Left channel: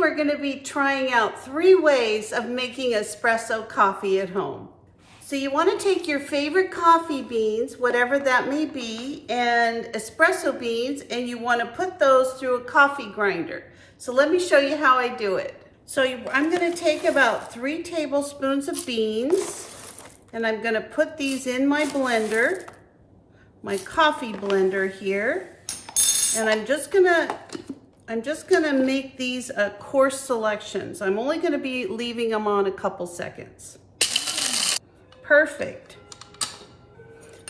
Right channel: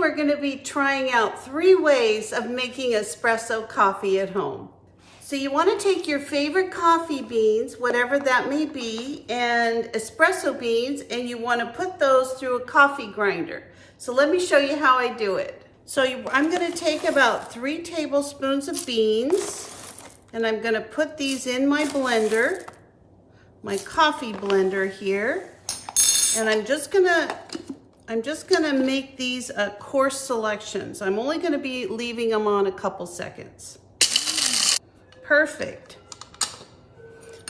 we're going to be trying out 3 ways of making espresso coffee at home. So you want to take your favorite coffee beans, whatever that may be, and espresso beans, and you want to put those through a coffee grinder. So let me show you how I do it. So I'm going to take about 3 tablespoons of beans, and I'm going to put these in my blender, my coffee blender here, and I'm just gonna make these coarse selections. I'm only gonna be leaving them on a couple seconds. Perfect.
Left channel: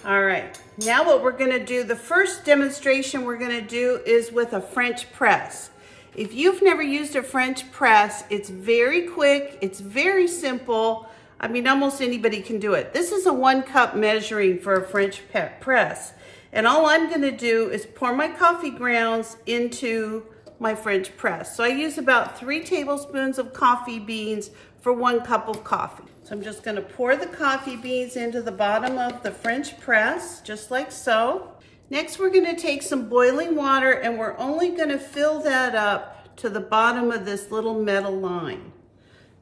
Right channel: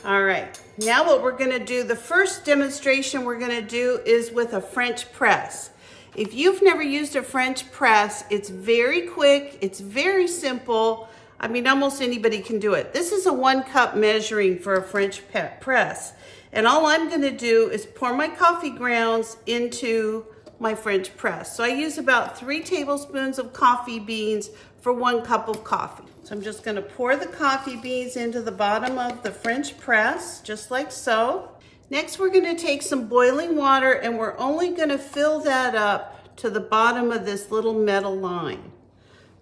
All right, now what we're gonna do, the first demonstration we're gonna do is with a French press. If you've never used a French press, it's very quick, it's very simple. I mean, almost anybody can do it. This is a 1 cup measuring for a French press. And all I'm gonna do is pour my coffee grounds into my French press. So I use about 3 tablespoons of coffee beans for 1 cup of coffee. So I'm just gonna pour the coffee beans into the bottom of the French press, just like so. Next, we're gonna take some boiling water and we're only gonna fill that up to the bottom of this little metal line.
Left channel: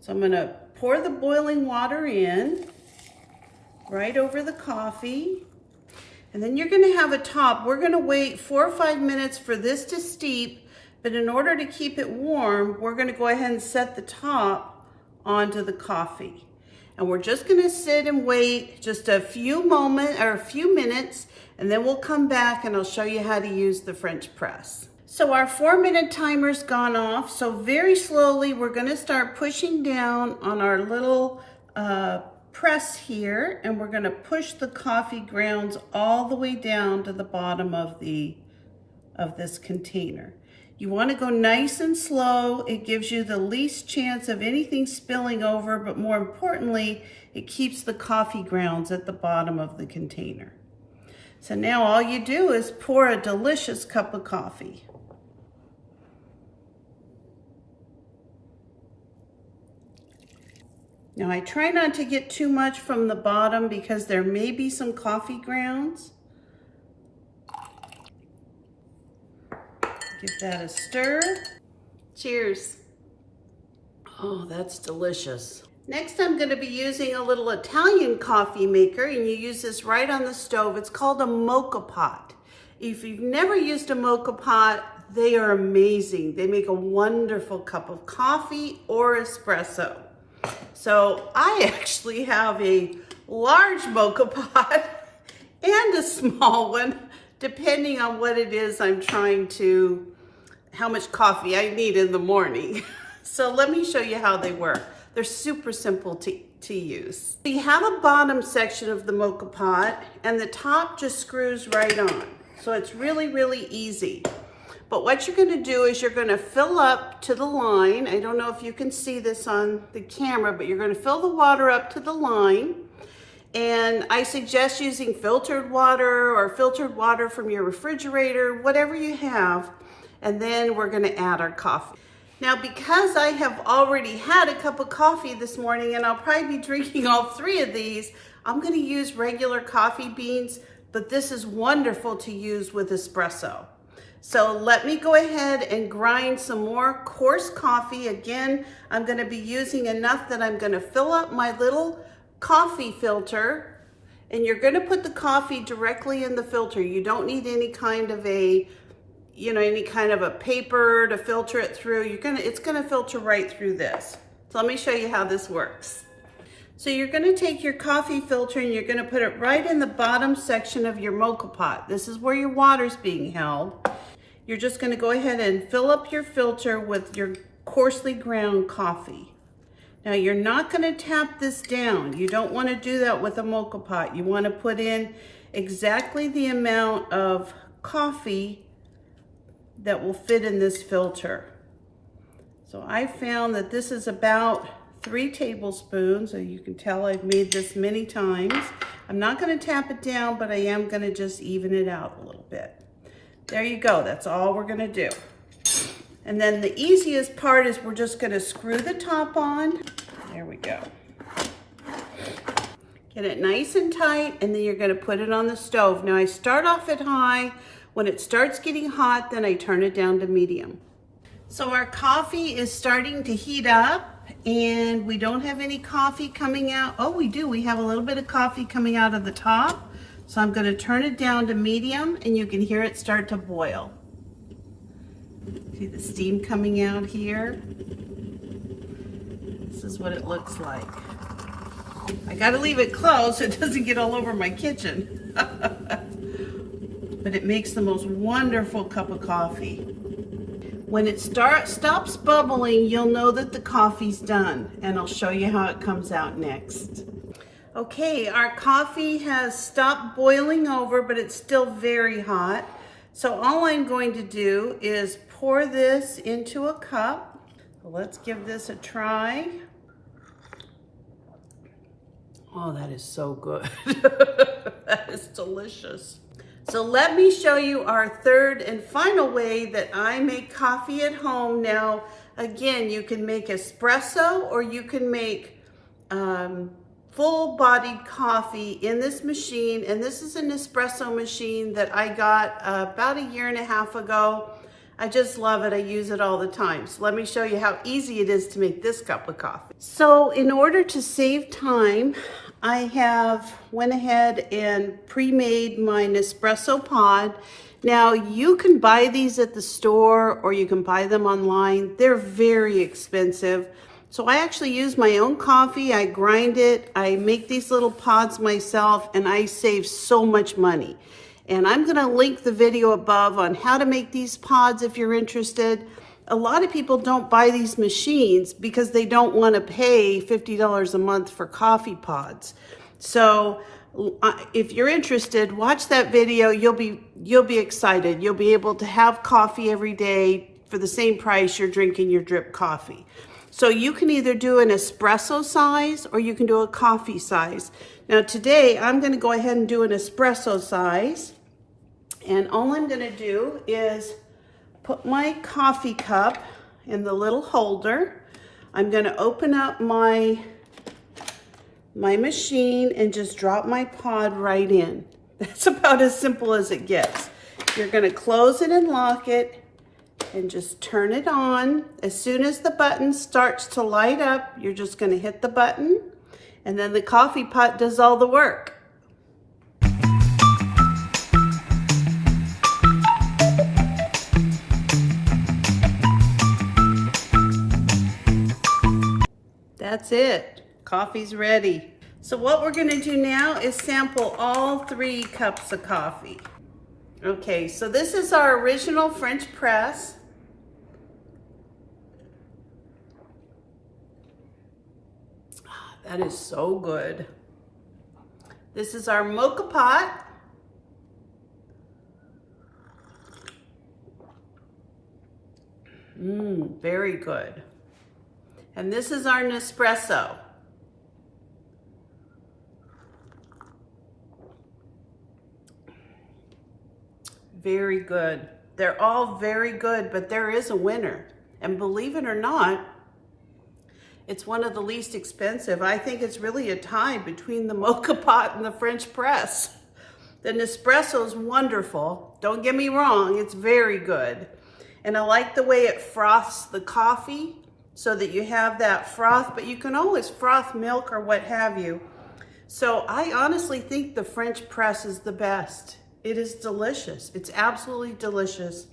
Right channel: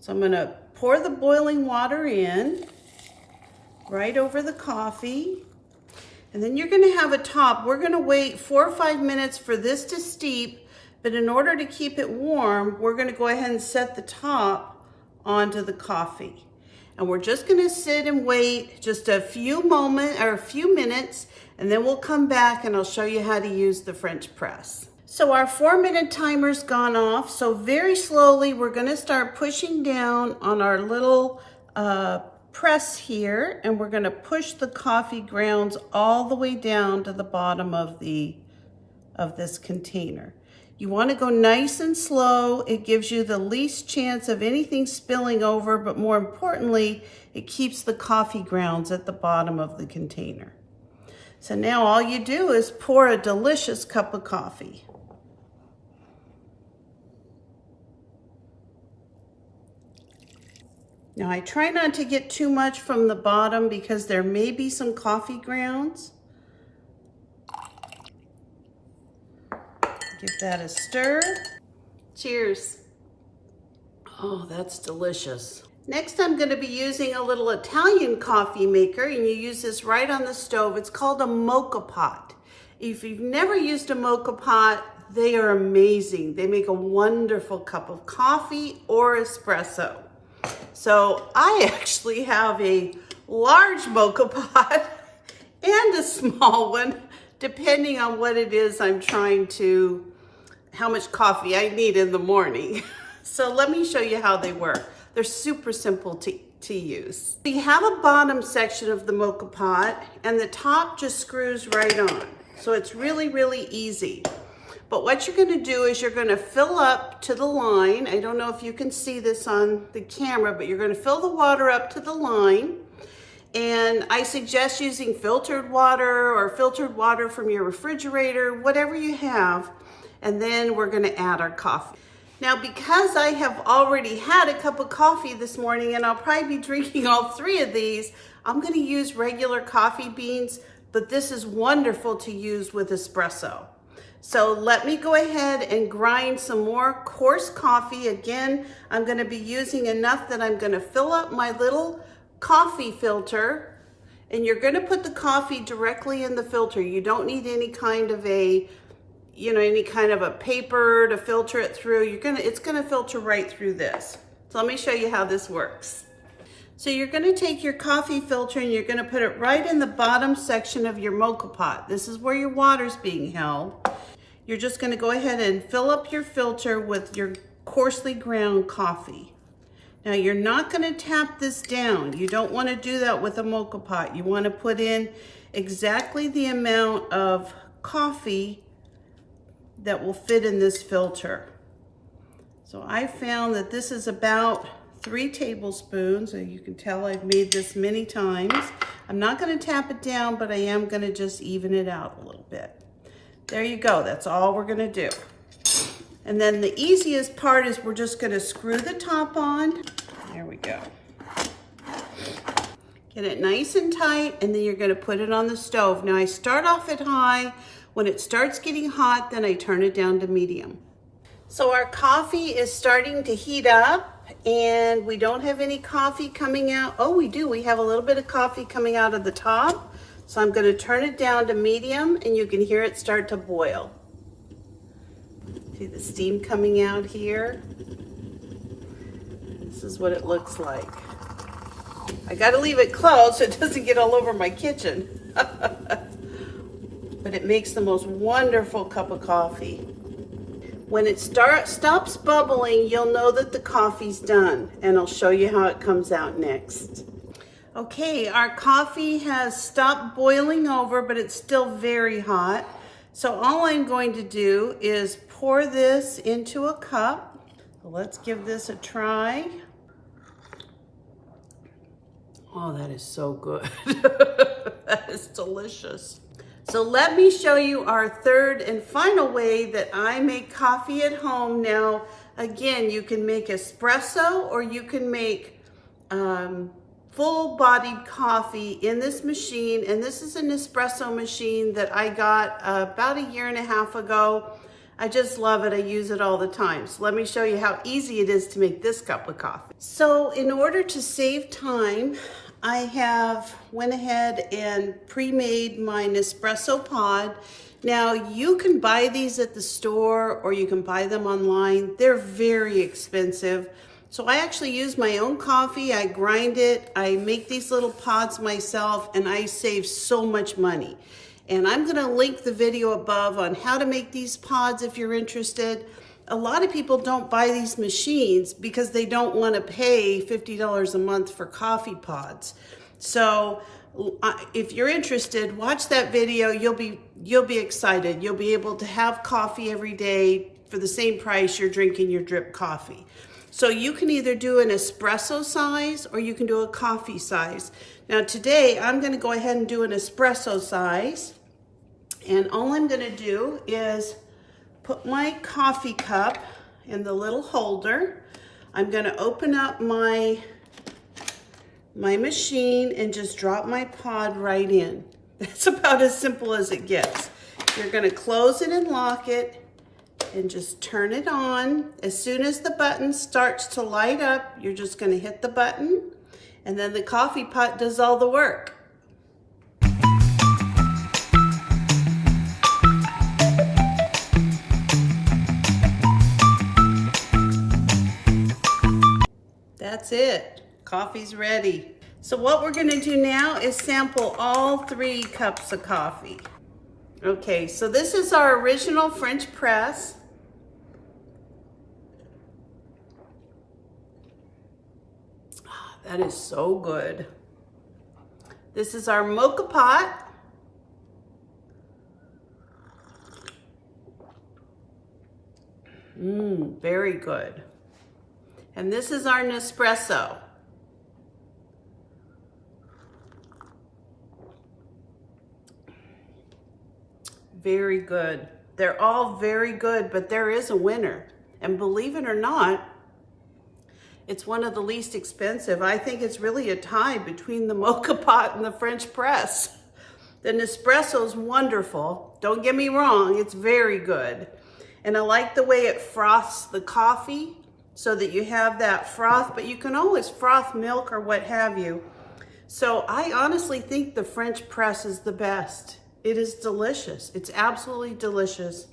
So I'm gonna pour the boiling water in, right over the coffee. And then you're gonna have a top. We're gonna wait 4 or 5 minutes for this to steep, but in order to keep it warm, we're gonna go ahead and set the top onto the coffee. And we're just gonna sit and wait just a few minutes, and then we'll come back and I'll show you how to use the French press. So our 4-minute timer's gone off, so very slowly we're gonna start pushing down on our little press here, and we're gonna push the coffee grounds all the way down to the bottom of this container. You wanna go nice and slow. It gives you the least chance of anything spilling over, but more importantly, it keeps the coffee grounds at the bottom of the container. So now all you do is pour a delicious cup of coffee. Now I try not to get too much from the bottom because there may be some coffee grounds. Give that a stir. Cheers. Oh, that's delicious. Next, I'm going to be using a little Italian coffee maker, and you use this right on the stove. It's called a mocha pot. If you've never used a mocha pot, they are amazing. They make a wonderful cup of coffee or espresso. So I actually have a large mocha pot and a small one, depending on what it is how much coffee I need in the morning. So let me show you how they work. They're super simple to use. You have a bottom section of the mocha pot and the top just screws right on. So it's really, really easy. But what you're gonna do is you're gonna fill up to the line. I don't know if you can see this on the camera, but you're gonna fill the water up to the line. And I suggest using filtered water or filtered water from your refrigerator, whatever you have. And then we're gonna add our coffee. Now, because I have already had a cup of coffee this morning and I'll probably be drinking all 3 of these, I'm gonna use regular coffee beans, but this is wonderful to use with espresso. So let me go ahead and grind some more coarse coffee. Again, I'm gonna be using enough that I'm gonna fill up my little coffee filter, and you're gonna put the coffee directly in the filter. You don't need any kind of a paper to filter it through. It's gonna filter right through this. So let me show you how this works. So you're gonna take your coffee filter and you're gonna put it right in the bottom section of your mocha pot. This is where your water's being held. You're just gonna go ahead and fill up your filter with your coarsely ground coffee. Now you're not gonna tap this down. You don't wanna do that with a mocha pot. You wanna put in exactly the amount of coffee that will fit in this filter. So I found that this is about 3 tablespoons. So you can tell I've made this many times. I'm not gonna tap it down, but I am gonna just even it out a little bit. There you go, that's all we're gonna do. And then the easiest part is we're just gonna screw the top on. There we go. Get it nice and tight, and then you're gonna put it on the stove. Now I start off at high. When it starts getting hot, then I turn it down to medium. So our coffee is starting to heat up and we don't have any coffee coming out. Oh, we do. We have a little bit of coffee coming out of the top. So I'm going to turn it down to medium and you can hear it start to boil. See the steam coming out here? This is what it looks like. I got to leave it closed so it doesn't get all over my kitchen. But it makes the most wonderful cup of coffee. When it stops bubbling, you'll know that the coffee's done, and I'll show you how it comes out next. Okay, our coffee has stopped boiling over, but it's still very hot. So all I'm going to do is pour this into a cup. So let's give this a try. Oh, that is so good. That is delicious. So let me show you our third and final way that I make coffee at home. Now, again, you can make espresso or you can make full-bodied coffee in this machine. And this is an espresso machine that I got about 1.5 years ago. I just love it. I use it all the time. So let me show you how easy it is to make this cup of coffee. So in order to save time, I have went ahead and pre-made my Nespresso pod. Now you can buy these at the store or you can buy them online. They're very expensive. So I actually use my own coffee. I grind it. I make these little pods myself and I save so much money. And I'm going to link the video above on how to make these pods if you're interested. A lot of people don't buy these machines because they don't want to pay $50 a month for coffee pods. So if you're interested, watch that video. You'll be excited. You'll be able to have coffee every day for the same price you're drinking your drip coffee. So you can either do an espresso size or you can do a coffee size. Now today I'm going to go ahead and do an espresso size. And all I'm going to do is put my coffee cup in the little holder. I'm going to open up my machine and just drop my pod right in. That's about as simple as it gets. You're going to close it and lock it and just turn it on. As soon as the button starts to light up, you're just going to hit the button and then the coffee pot does all the work. That's it. Coffee's ready. So what we're going to do now is sample all 3 cups of coffee. Okay, so this is our original French press. That is so good. This is our mocha pot. Very good. And this is our Nespresso. Very good. They're all very good, but there is a winner. And believe it or not, it's one of the least expensive. I think it's really a tie between the mocha pot and the French press. The Nespresso is wonderful. Don't get me wrong, it's very good. And I like the way it froths the coffee so that you have that froth, but you can always froth milk or what have you. So I honestly think the French press is the best. It is delicious. It's absolutely delicious.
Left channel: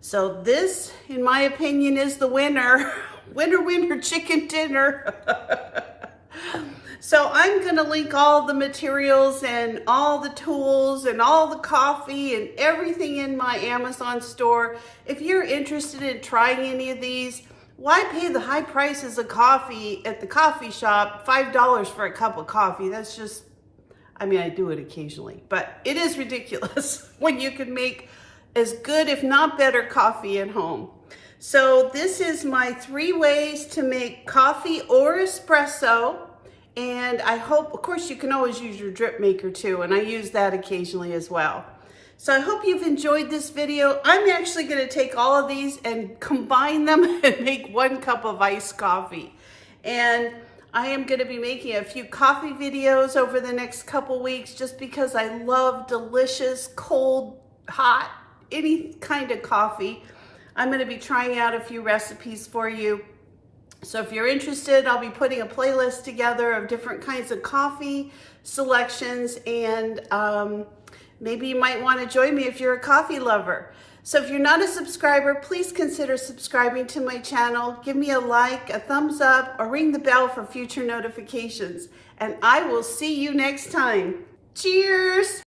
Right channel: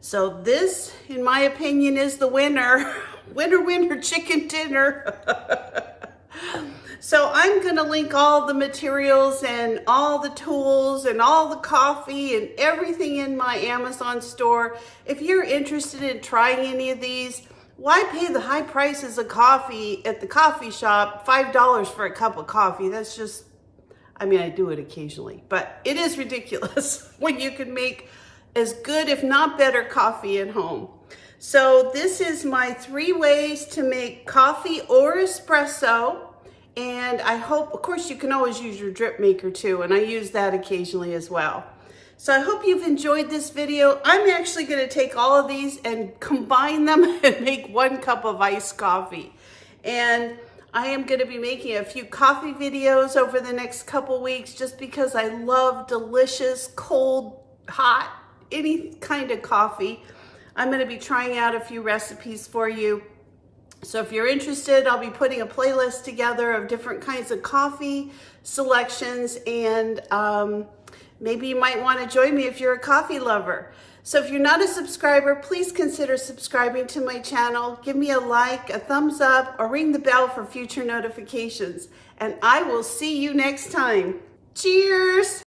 So this, in my opinion, is the winner. Winner, winner, chicken dinner. So I'm going to link all the materials and all the tools and all the coffee and everything in my Amazon store. If you're interested in trying any of these, why pay the high prices of coffee at the coffee shop, $5 for a cup of coffee? That's just, I mean, I do it occasionally, but it is ridiculous when you can make as good, if not better, coffee at home. So this is my 3 ways to make coffee or espresso. And I hope, of course, you can always use your drip maker too, and I use that occasionally as well. So I hope you've enjoyed this video. I'm actually going to take all of these and combine them and make 1 cup of iced coffee. And I am going to be making a few coffee videos over the next couple weeks just because I love delicious, cold, hot, any kind of coffee. I'm going to be trying out a few recipes for you. So if you're interested, I'll be putting a playlist together of different kinds of coffee selections, and maybe you might want to join me if you're a coffee lover. So if you're not a subscriber, please consider subscribing to my channel. Give me a like, a thumbs up, or ring the bell for future notifications. And I will see you next time. Cheers!